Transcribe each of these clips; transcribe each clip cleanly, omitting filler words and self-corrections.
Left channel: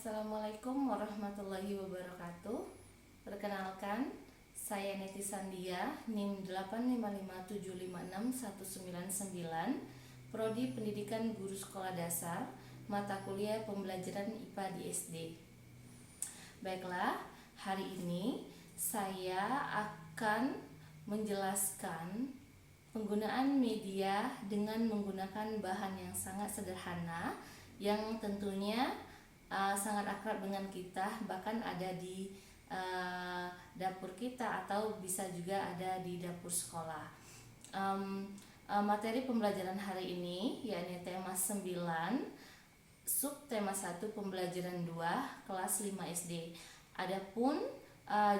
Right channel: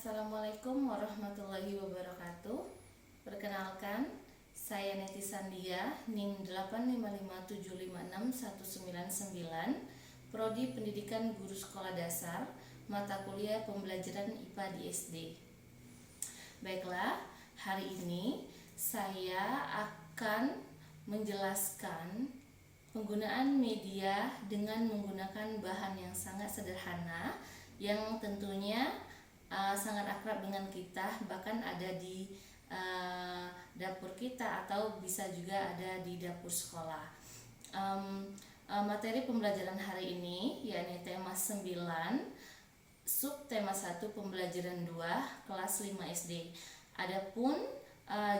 Assalamualaikum warahmatullahi wabarakatuh. Perkenalkan, saya Neti Sandia, NIM 855756199, Prodi Pendidikan Guru Sekolah Dasar, mata kuliah pembelajaran IPA di SD. Baiklah, hari ini saya akan menjelaskan penggunaan media dengan menggunakan bahan yang sangat sederhana, yang tentunya sangat akrab dengan kita, bahkan ada di dapur kita atau bisa juga ada di dapur sekolah. Materi pembelajaran hari ini yakni tema 9, subtema 1 pembelajaran 2 kelas 5 SD. Adapun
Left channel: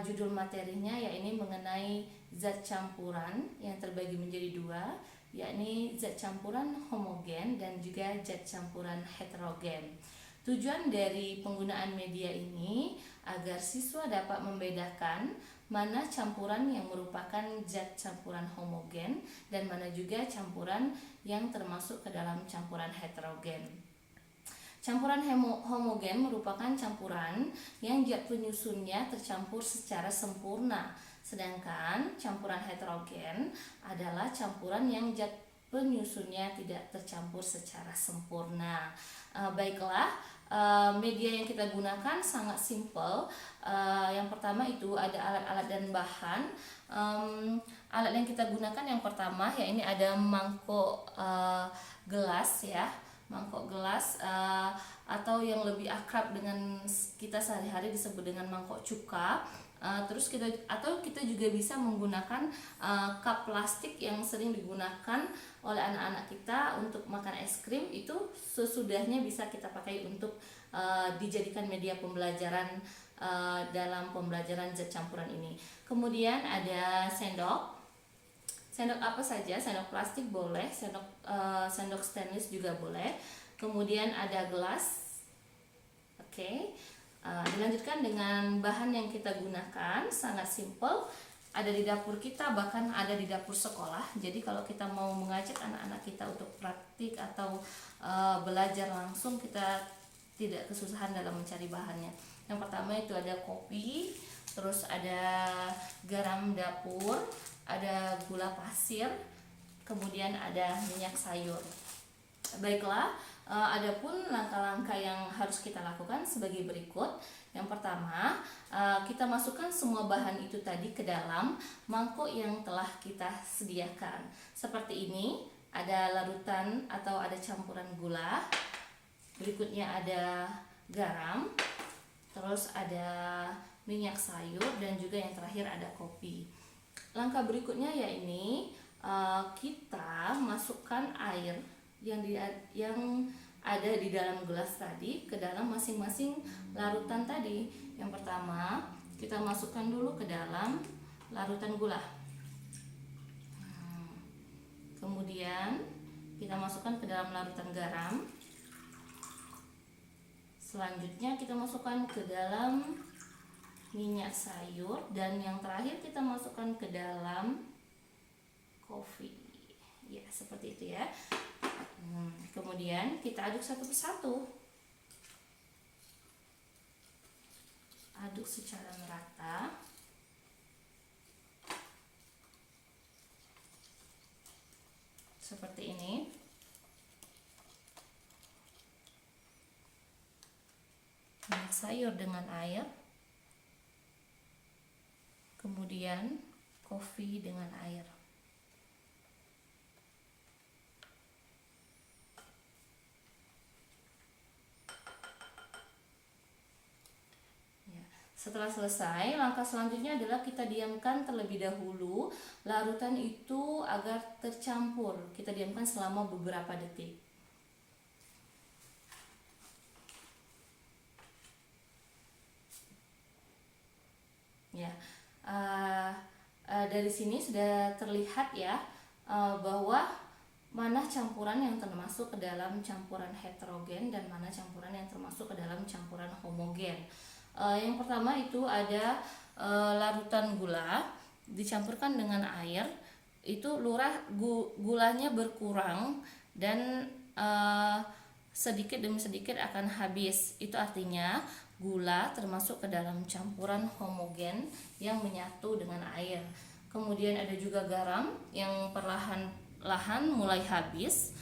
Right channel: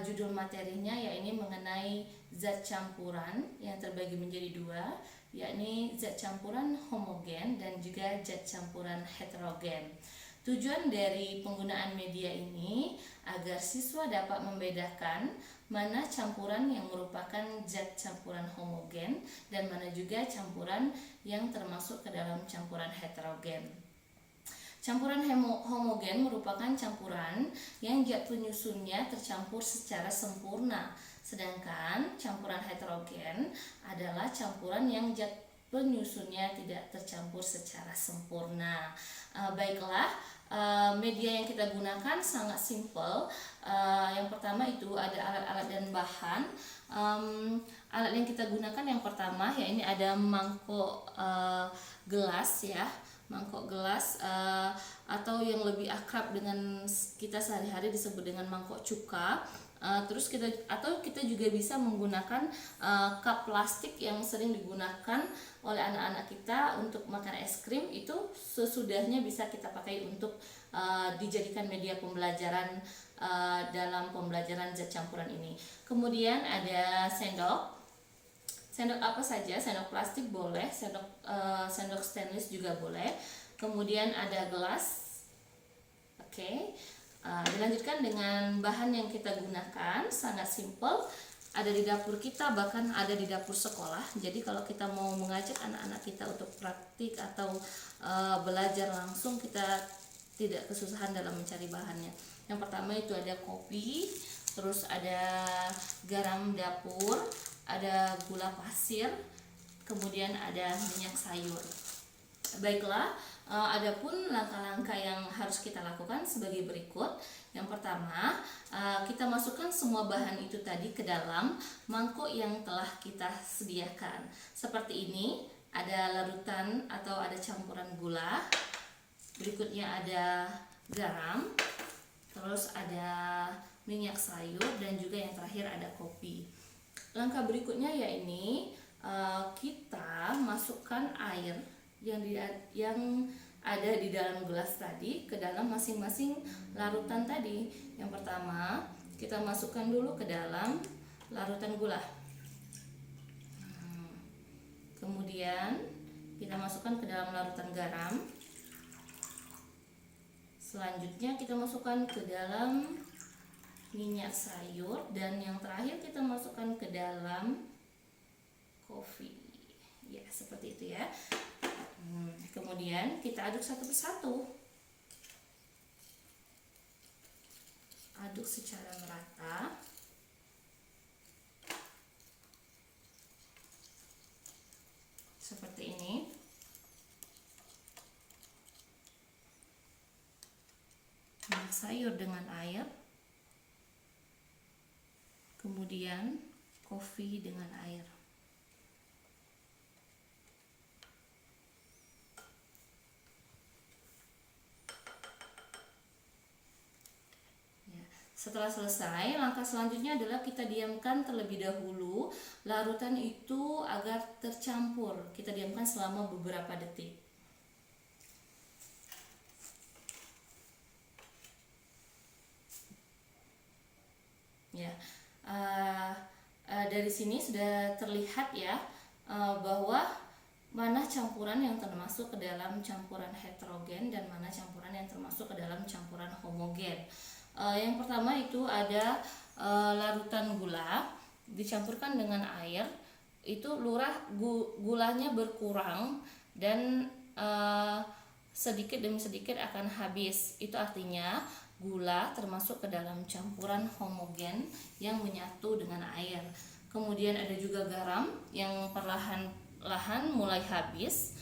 judul materinya yakni mengenai zat campuran yang terbagi menjadi dua, yakni zat campuran homogen dan juga zat campuran heterogen. Tujuan dari penggunaan media ini agar siswa dapat membedakan mana campuran yang merupakan zat campuran homogen dan mana juga campuran yang termasuk ke dalam campuran heterogen. Campuran homogen merupakan campuran yang zat penyusunnya tercampur secara sempurna, sedangkan campuran heterogen adalah campuran yang zat penyusunnya tidak tercampur secara sempurna. Baiklah, media yang kita gunakan sangat simpel. Yang pertama itu ada alat-alat dan bahan. Alat yang kita gunakan yang pertama ya ini ada mangkok gelas ya, mangkok gelas atau yang lebih akrab dengan kita sehari-hari disebut dengan mangkok cuka. Terus kita juga bisa menggunakan cup plastik yang sering digunakan oleh anak-anak kita untuk makan es krim, itu sesudahnya bisa kita pakai untuk dijadikan media pembelajaran dalam pembelajaran zat campuran ini. Kemudian ada sendok apa saja, sendok plastik boleh, sendok stainless juga boleh. Kemudian ada gelas. Oke. Dilanjutkan dengan bahan yang kita gunakan, sangat simple, ada di dapur kita, bahkan ada di dapur sekolah. Jadi kalau kita mau mengajak anak-anak kita untuk praktik atau belajar langsung, kita tidak kesusahan dalam mencari bahannya. Yang pertama itu ada kopi, terus ada garam dapur, ada gula pasir, kemudian ada minyak sayur. Baiklah, adapun langkah-langkah yang harus kita lakukan sebagai berikut. Yang pertama, kita masukkan semua bahan itu tadi ke dalam mangkok yang telah kita sediakan. Seperti ini, ada larutan atau ada campuran gula. Berikutnya ada garam, terus ada minyak sayur, dan juga yang terakhir ada kopi. Langkah berikutnya yakni kita masukkan air yang ada di dalam gelas tadi ke dalam masing-masing larutan tadi. Yang pertama, kita masukkan dulu ke dalam larutan gula. Kemudian kita masukkan ke dalam larutan garam. Selanjutnya kita masukkan ke dalam minyak sayur, dan yang terakhir kita masukkan ke dalam kopi. Ya, seperti itu ya. Kemudian kita aduk satu persatu. Aduk secara merata. Seperti ini. Minyak sayur dengan air. Kemudian kopi dengan air. Setelah selesai, langkah selanjutnya adalah kita diamkan terlebih dahulu larutan itu agar tercampur. Kita diamkan selama beberapa detik. Ya, dari sini sudah terlihat ya bahwa mana campuran yang termasuk ke dalam campuran heterogen dan mana campuran yang termasuk ke dalam campuran homogen. Yang pertama itu ada larutan gula dicampurkan dengan air, itu gulanya berkurang dan sedikit demi sedikit akan habis. Itu artinya gula termasuk ke dalam campuran homogen yang menyatu dengan air. Kemudian ada juga garam yang perlahan-lahan mulai habis,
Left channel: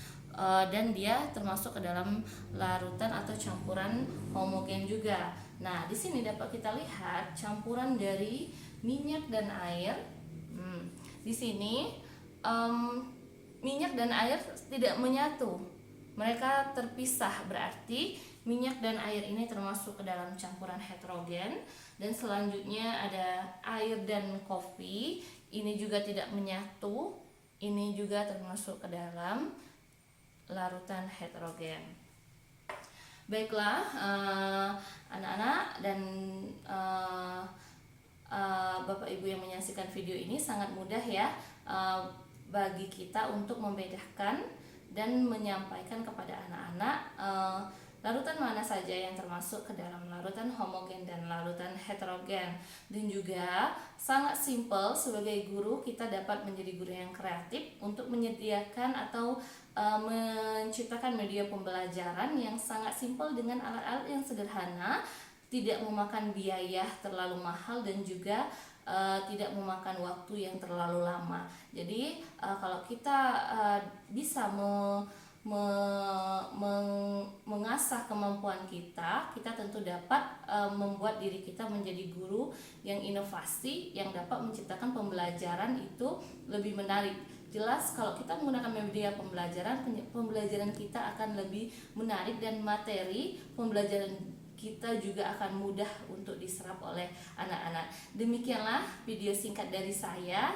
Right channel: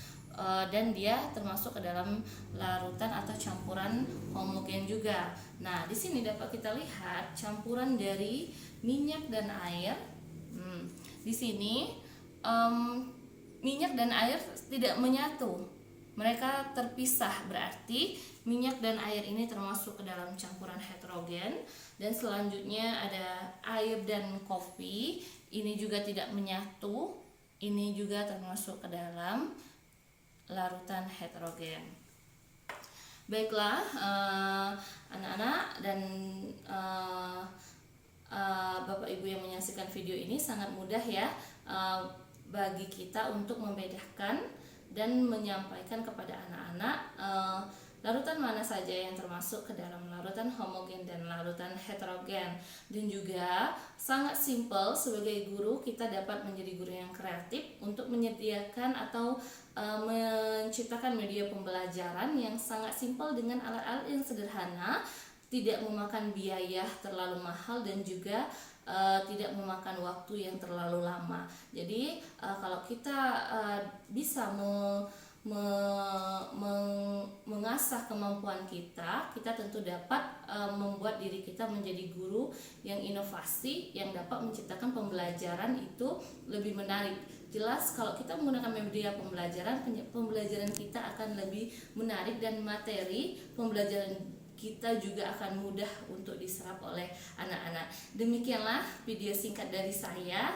dan dia termasuk ke dalam larutan atau campuran homogen juga. Nah, di sini dapat kita lihat campuran dari minyak dan air. Di sini minyak dan air tidak menyatu, mereka terpisah, berarti minyak dan air ini termasuk ke dalam campuran heterogen. Dan selanjutnya ada air dan kopi, ini juga tidak menyatu, ini juga termasuk ke dalam larutan heterogen. Baiklah, anak-anak dan Bapak Ibu yang menyaksikan video ini, sangat mudah ya bagi kita untuk membedakan dan menyampaikan kepada anak-anak larutan mana saja yang termasuk ke dalam larutan homogen dan larutan heterogen. Dan juga sangat simpel, sebagai guru kita dapat menjadi guru yang kreatif untuk menyediakan atau menciptakan media pembelajaran yang sangat simpel dengan alat-alat yang sederhana, tidak memakan biaya terlalu mahal dan juga tidak memakan waktu yang terlalu lama. Jadi kalau kita bisa mengasah kemampuan kita tentu dapat membuat diri kita menjadi guru yang inovasi, yang dapat menciptakan pembelajaran itu lebih menarik. Jelas kalau kita menggunakan media pembelajaran kita akan lebih menarik dan materi pembelajaran kita juga akan mudah untuk diserap oleh anak-anak. Demikianlah video singkat dari saya.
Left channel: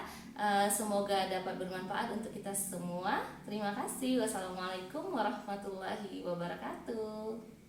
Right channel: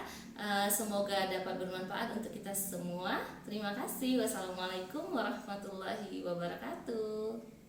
Semoga dapat bermanfaat untuk kita semua. Terima kasih. Wassalamualaikum warahmatullahi wabarakatuh.